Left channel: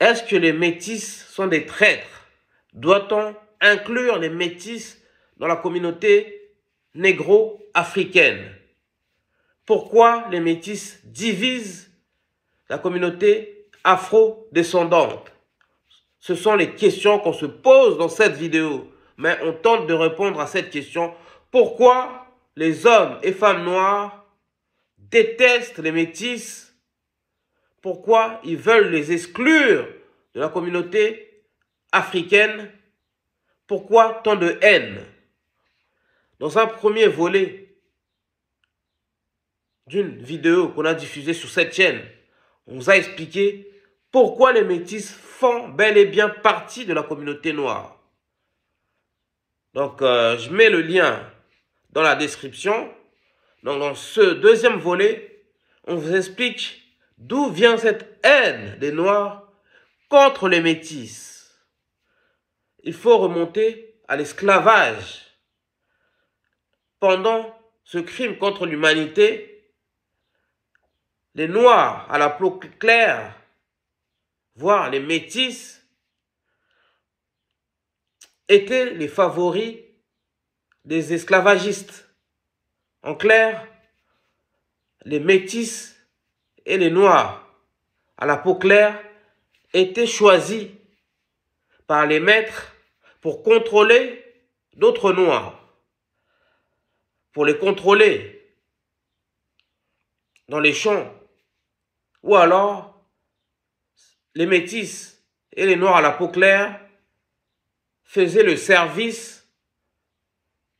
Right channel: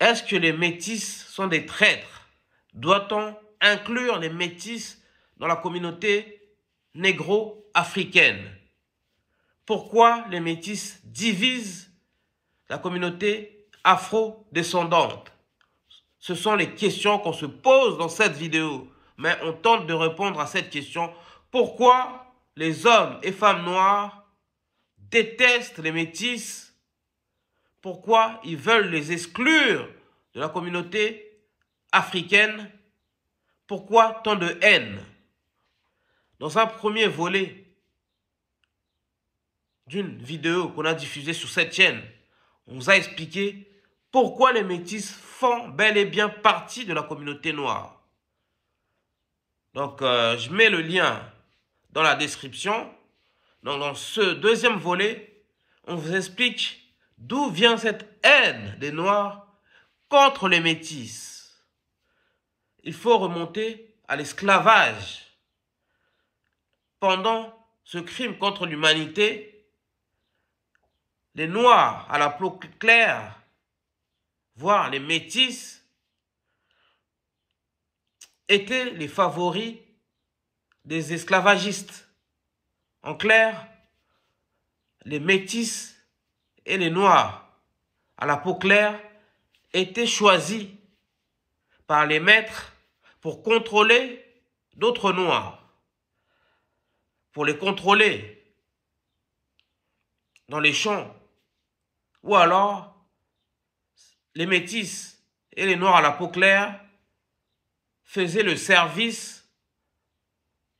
Est-ce que les métis sont des traîtres? Doit-on inclure les métis dans la communauté négro-africaine? Pourquoi les métis divisent la communauté afro-descendante? Ce sont les questions qu'on se pose dans cette vidéo. Mais on tente de répondre à cette question. Pourquoi les hommes et femmes noirs détestent les métis? Pourquoi ils veulent les exclure de la communauté africaine? Pourquoi tant de haine? Dans un premier volet d'une vidéo qu'on a diffusée sur cette chaîne, on vous a expliqué pourquoi les métis font bel et bien partie de la communauté noire. Donc, je mets le lien dans la description. Donc, dans ce deuxième volet, on vous explique d'où vient cette haine des Noirs contre les métis. Il faut remonter à l'esclavage. Pendant ce crime contre l'humanité, les Noirs à la peau claire, voire les métis, étaient les favoris des esclavagistes. En clair, les métis et les noirs à la peau claire étaient choisis par les maîtres pour contrôler d'autres noirs, pour les contrôler dans les champs, ou alors les métis et les noirs à la peau claire faisaient le service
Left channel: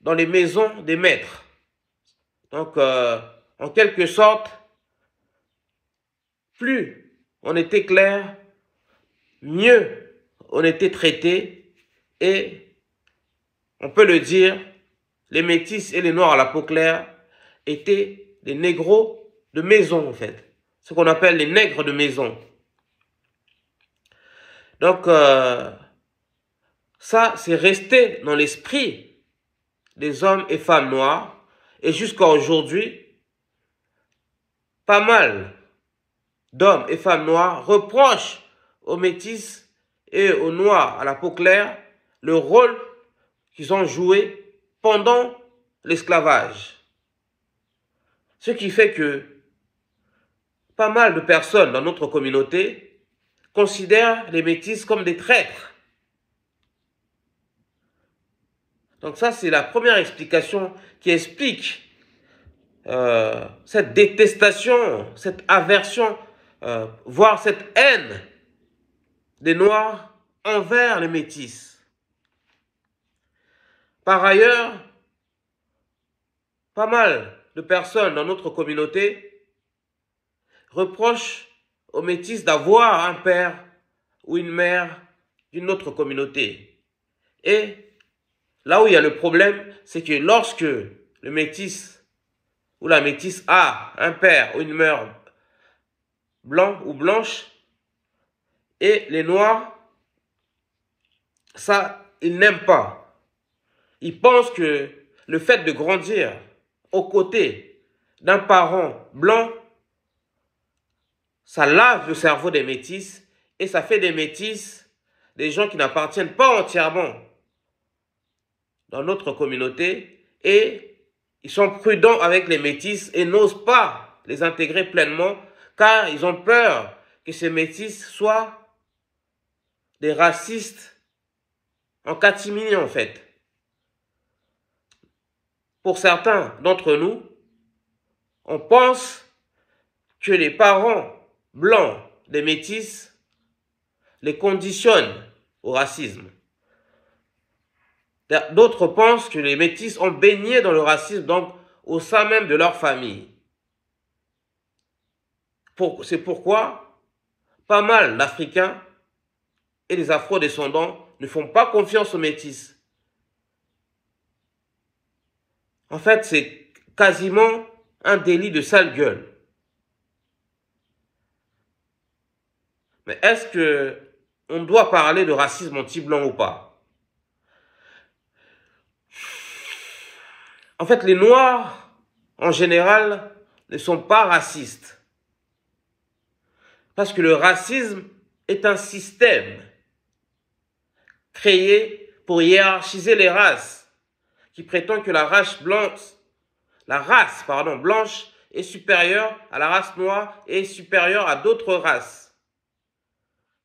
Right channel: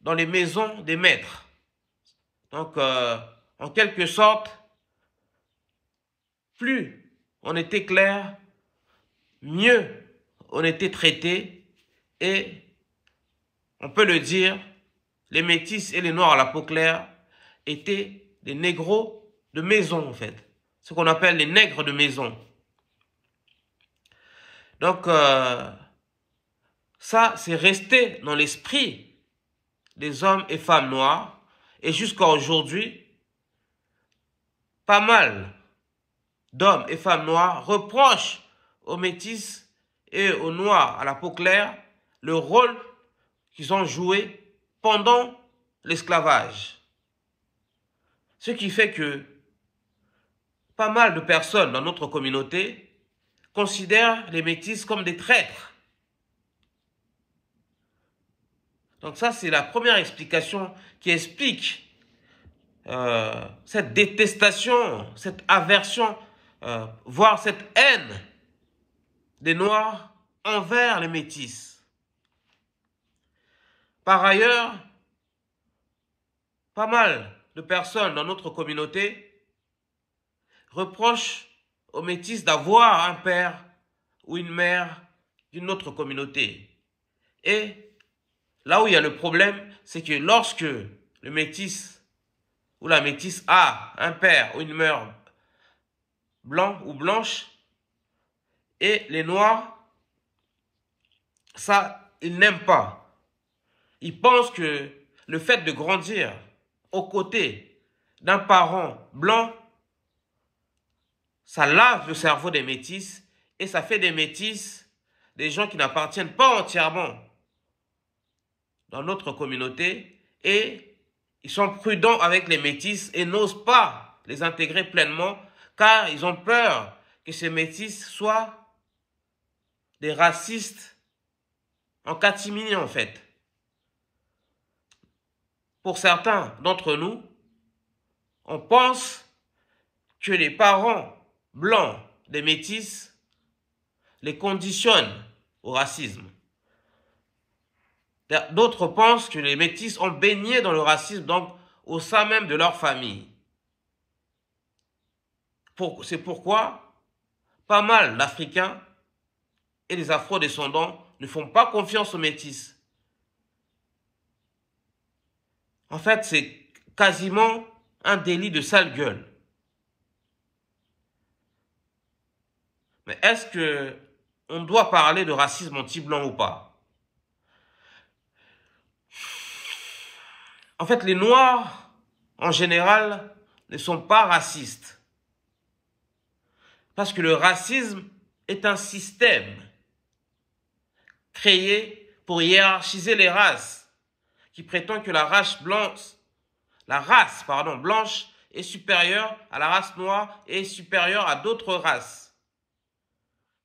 dans les maisons des maîtres. Donc, en quelque sorte, plus on était clair, mieux on était traité. Et on peut le dire, les métis et les noirs à la peau claire étaient des négros de maison, en fait. Ce qu'on appelle les nègres de maison. Donc, ça, c'est resté dans l'esprit des hommes et femmes noirs. Et jusqu'à aujourd'hui, pas mal d'hommes et femmes noirs reprochent aux métis et aux noirs à la peau claire le rôle qu'ils ont joué pendant l'esclavage. Ce qui fait que pas mal de personnes dans notre communauté considèrent les métis comme des traîtres. Donc ça, c'est la première explication qui explique cette détestation, cette aversion, voire cette haine des Noirs envers les métis. Par ailleurs, pas mal de personnes dans notre communauté reprochent aux métis d'avoir un père ou une mère d'une autre communauté. Et là où il y a le problème, c'est que lorsque le métis ou la métisse a un père ou une mère blanc ou blanche, et les noirs, ça, ils n'aiment pas. Ils pensent que le fait de grandir aux côtés d'un parent blanc, ça lave le cerveau des métis et ça fait des métis des gens qui n'appartiennent pas entièrement dans notre communauté, et ils sont prudents avec les métis et n'osent pas les intégrer pleinement car ils ont peur que ces métis soient des racistes en catimini en fait. Pour certains d'entre nous, on pense que les parents blancs des métis les conditionnent au racisme. D'autres pensent que les métis ont baigné dans le racisme, donc au sein même de leur famille. C'est pourquoi pas mal d'Africains et les Afro-descendants ne font pas confiance aux métis. En fait, c'est quasiment un délit de sale gueule. Mais est-ce qu'on doit parler de racisme anti-blanc ou pas? En fait, les Noirs, en général, ne sont pas racistes. Parce que le racisme est un système créé pour hiérarchiser les races, qui prétend que la race blanche est supérieure à la race noire et est supérieure à d'autres races.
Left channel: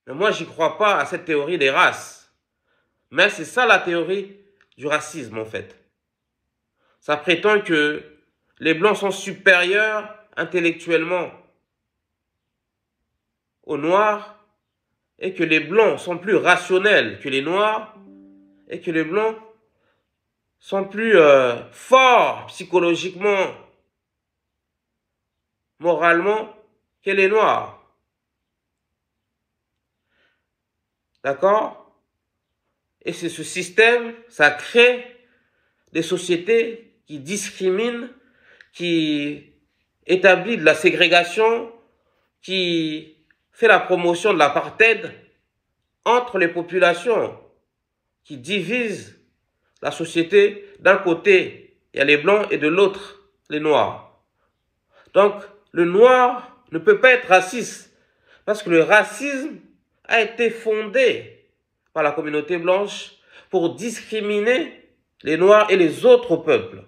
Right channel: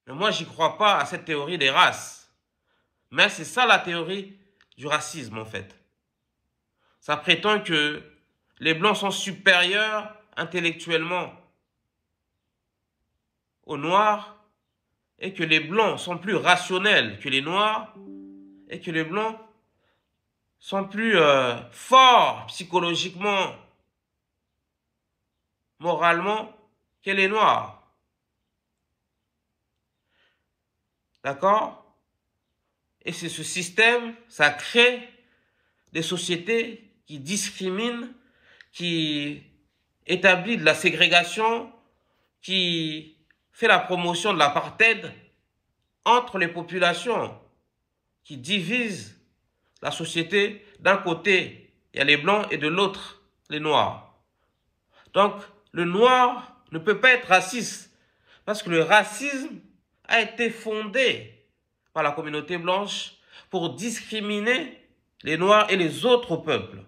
Mais moi, j'y crois pas à cette théorie des races. Mais c'est ça la théorie du racisme, en fait. Ça prétend que les blancs sont supérieurs intellectuellement aux noirs et que les blancs sont plus rationnels que les noirs et que les blancs sont plus forts psychologiquement, moralement que les noirs. D'accord? Et c'est ce système, ça crée des sociétés qui discriminent, qui établit de la ségrégation, qui fait la promotion de l'apartheid entre les populations, qui divise la société. D'un côté, il y a les blancs et de l'autre, les noirs. Donc, le noir ne peut pas être raciste parce que le racisme a été fondé par la communauté blanche pour discriminer les noirs et les autres peuples.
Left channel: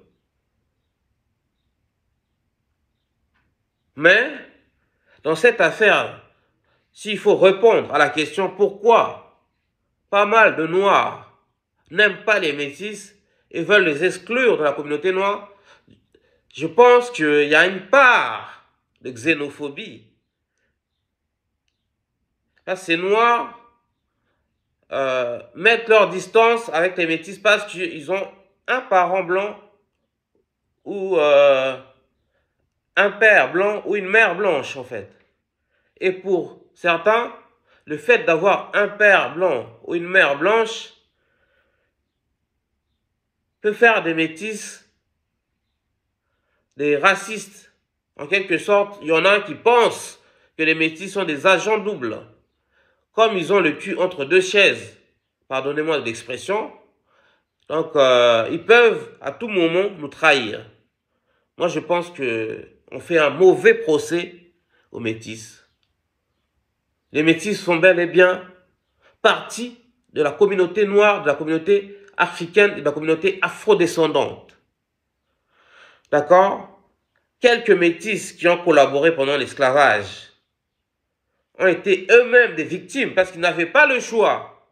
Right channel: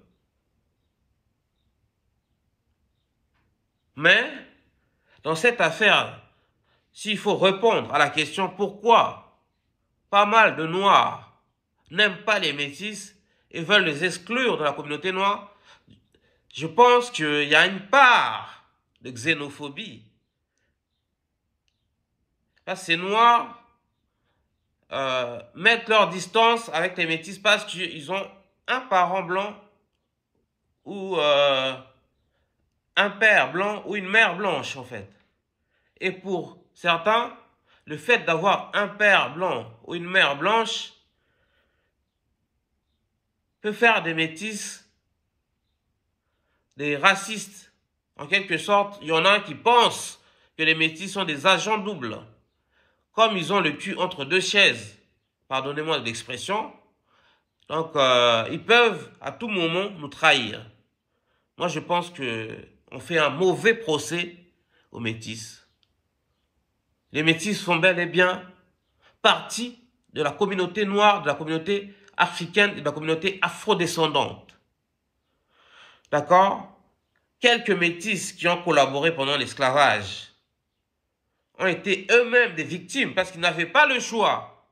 Mais, dans cette affaire, s'il faut répondre à la question pourquoi pas mal de noirs n'aiment pas les métis et veulent les exclure de la communauté noire, je pense qu'il y a une part de xénophobie. Parce que ces noirs mettent leur distance avec les métis parce qu'ils ont un parent blanc ou un père blanc ou une mère blanche, en fait. Et pour certains, le fait d'avoir un père blanc ou une mère blanche peut faire des métis des racistes. En quelque sorte, il y en a qui pensent que les métis sont des agents doubles. Comme ils ont le cul entre deux chaises, pardonnez-moi de l'expression, donc ils peuvent à tout moment nous trahir. Moi, je pense qu'on fait un mauvais procès aux métis. Les métis font bel et bien partie de la communauté noire, de la communauté africaine et de la communauté afrodescendante. D'accord? Quelques métis qui ont collaboré pendant l'esclavage ont été eux-mêmes des victimes parce qu'ils n'avaient pas le choix.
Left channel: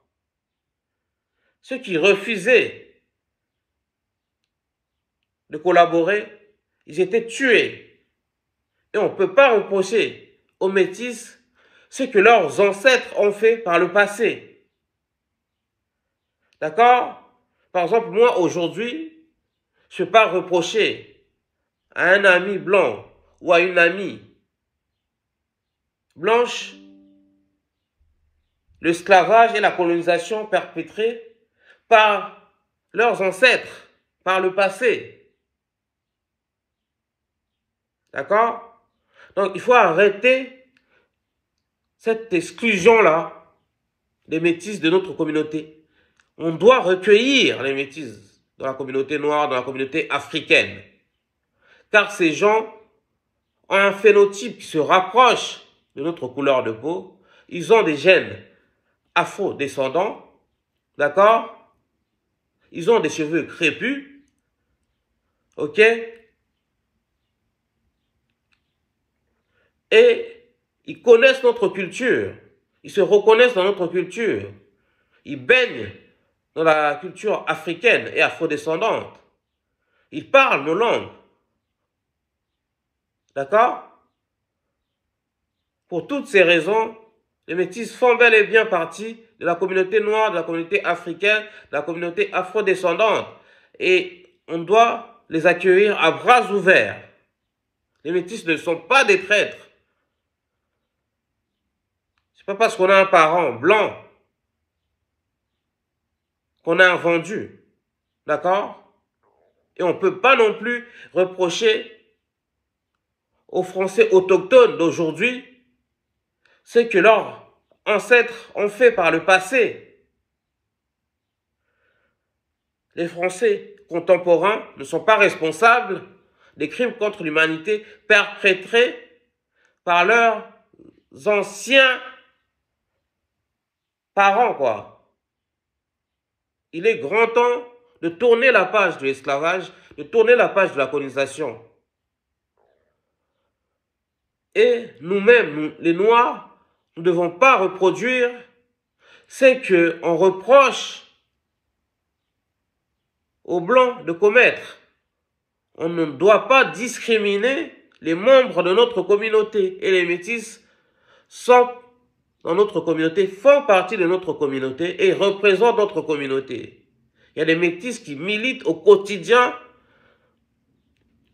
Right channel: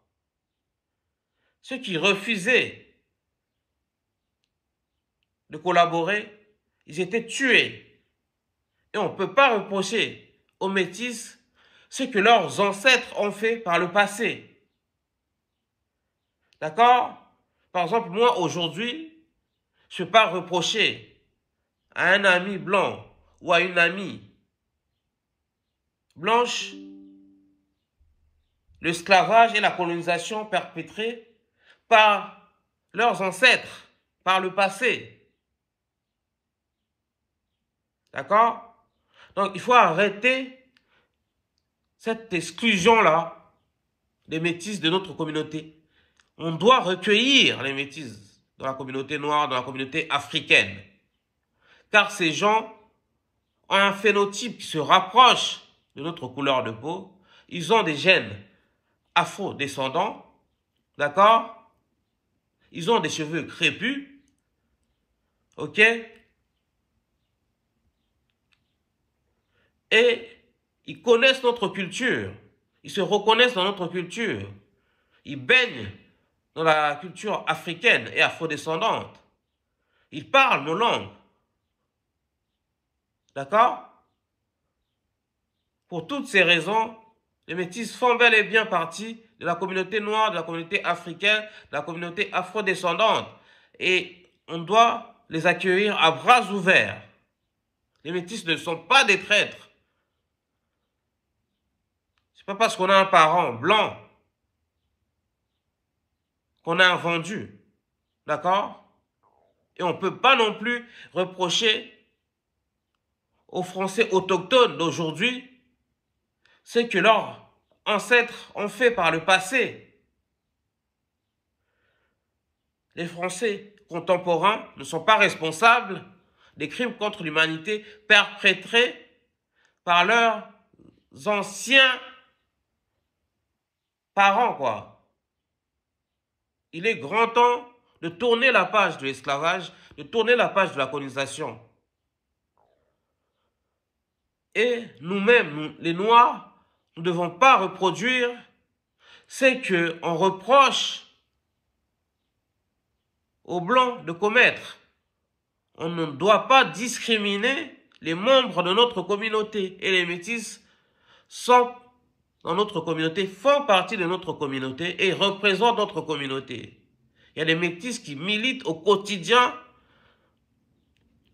Ceux qui refusaient de collaborer, ils étaient tués. Et on ne peut pas reprocher aux métis ce que leurs ancêtres ont fait par le passé. D'accord? Par exemple, moi, aujourd'hui, je ne peux pas reprocher à un ami blanc ou à une amie blanche l'esclavage et la colonisation perpétrés par leurs ancêtres, par le passé. D'accord? Donc, il faut arrêter cette exclusion-là des métis de notre communauté. On doit recueillir les métis dans la communauté noire, dans la communauté africaine. Car ces gens ont un phénotype qui se rapproche de notre couleur de peau. Ils ont des gènes afro-descendants. D'accord? Ils ont des cheveux crépus. Ok? Et ils connaissent notre culture. Ils se reconnaissent dans notre culture. Ils baignent dans la culture africaine et afrodescendante. Ils parlent nos langues. D'accord? Pour toutes ces raisons, les métis font bel et bien partie de la communauté noire, de la communauté africaine, de la communauté afrodescendante. Et on doit les accueillir à bras ouverts. Les métis ne sont pas des traîtres. C'est pas parce qu'on a un parent blanc qu'on a un vendu. D'accord? Et on ne peut pas non plus reprocher aux Français autochtones d'aujourd'hui ce que leurs ancêtres ont fait par le passé. Les Français contemporains ne sont pas responsables des crimes contre l'humanité perpétrés par leurs anciens par an, quoi. Il est grand temps de tourner la page de l'esclavage, de tourner la page de la colonisation. Et nous-mêmes, les Noirs, nous ne devons pas reproduire ce qu'on reproche aux Blancs de commettre. On ne doit pas discriminer les membres de notre communauté. Et les métis sont dans notre communauté, font partie de notre communauté et représentent notre communauté. Il y a des métis qui militent au quotidien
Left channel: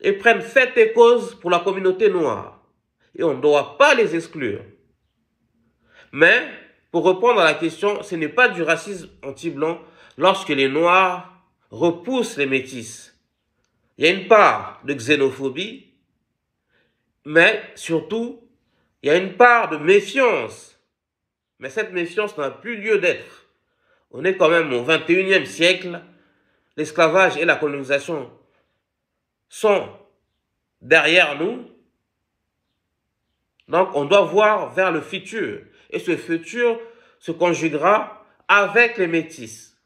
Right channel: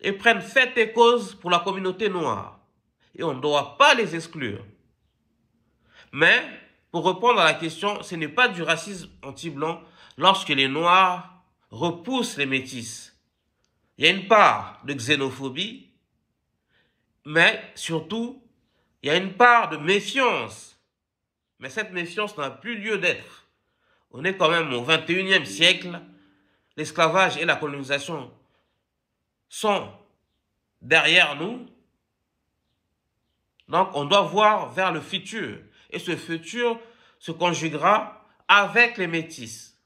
et prennent fait et cause pour la communauté noire. Et on ne doit pas les exclure. Mais, pour répondre à la question, ce n'est pas du racisme anti-blanc lorsque les Noirs repoussent les métis. Il y a une part de xénophobie, mais surtout, il y a une part de méfiance. Mais cette méfiance n'a plus lieu d'être. On est quand même au XXIe siècle. L'esclavage et la colonisation sont derrière nous. Donc, on doit voir vers le futur. Et ce futur se conjuguera avec les métis.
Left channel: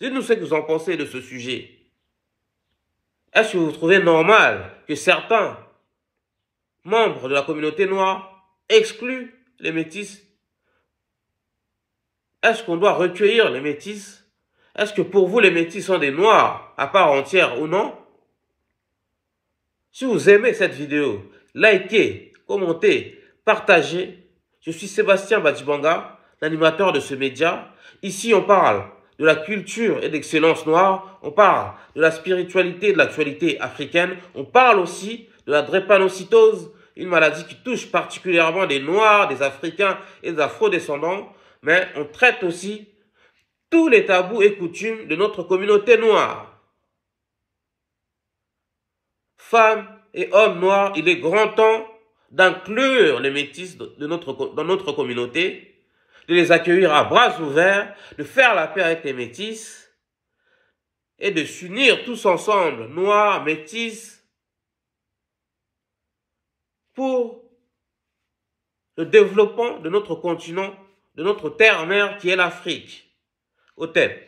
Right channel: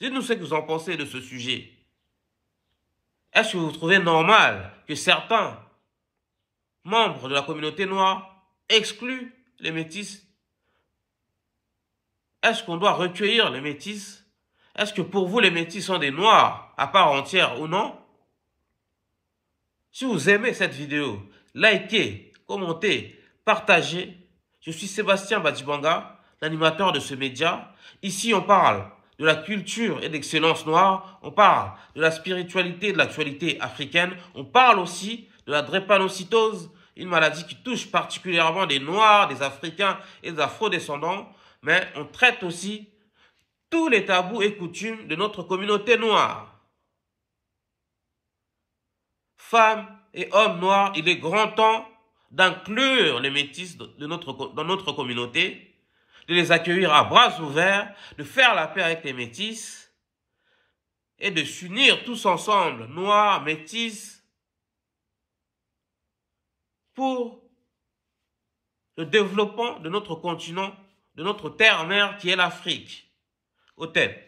Dites-nous ce que vous en pensez de ce sujet. Est-ce que vous trouvez normal que certains membres de la communauté noire excluent les métis? Est-ce qu'on doit recueillir les métis? Est-ce que pour vous, les métis sont des noirs à part entière ou non? Si vous aimez cette vidéo, likez, commentez, partagez. Je suis Sébastien Badjibanga, l'animateur de ce média. Ici, on parle de la culture et d'excellence noire. On parle de la spiritualité et de l'actualité africaine. On parle aussi de la drépanocytose, une maladie qui touche particulièrement des Noirs, des Africains et des Afro-descendants. Mais on traite aussi tous les tabous et coutumes de notre communauté noire. Femmes et hommes noirs, il est grand temps d'inclure les métis dans notre communauté, de les accueillir à bras ouverts, de faire la paix avec les métis et de s'unir tous ensemble, noirs, métis, pour le développement de notre continent, de notre terre-mère qui est l'Afrique. Au tête.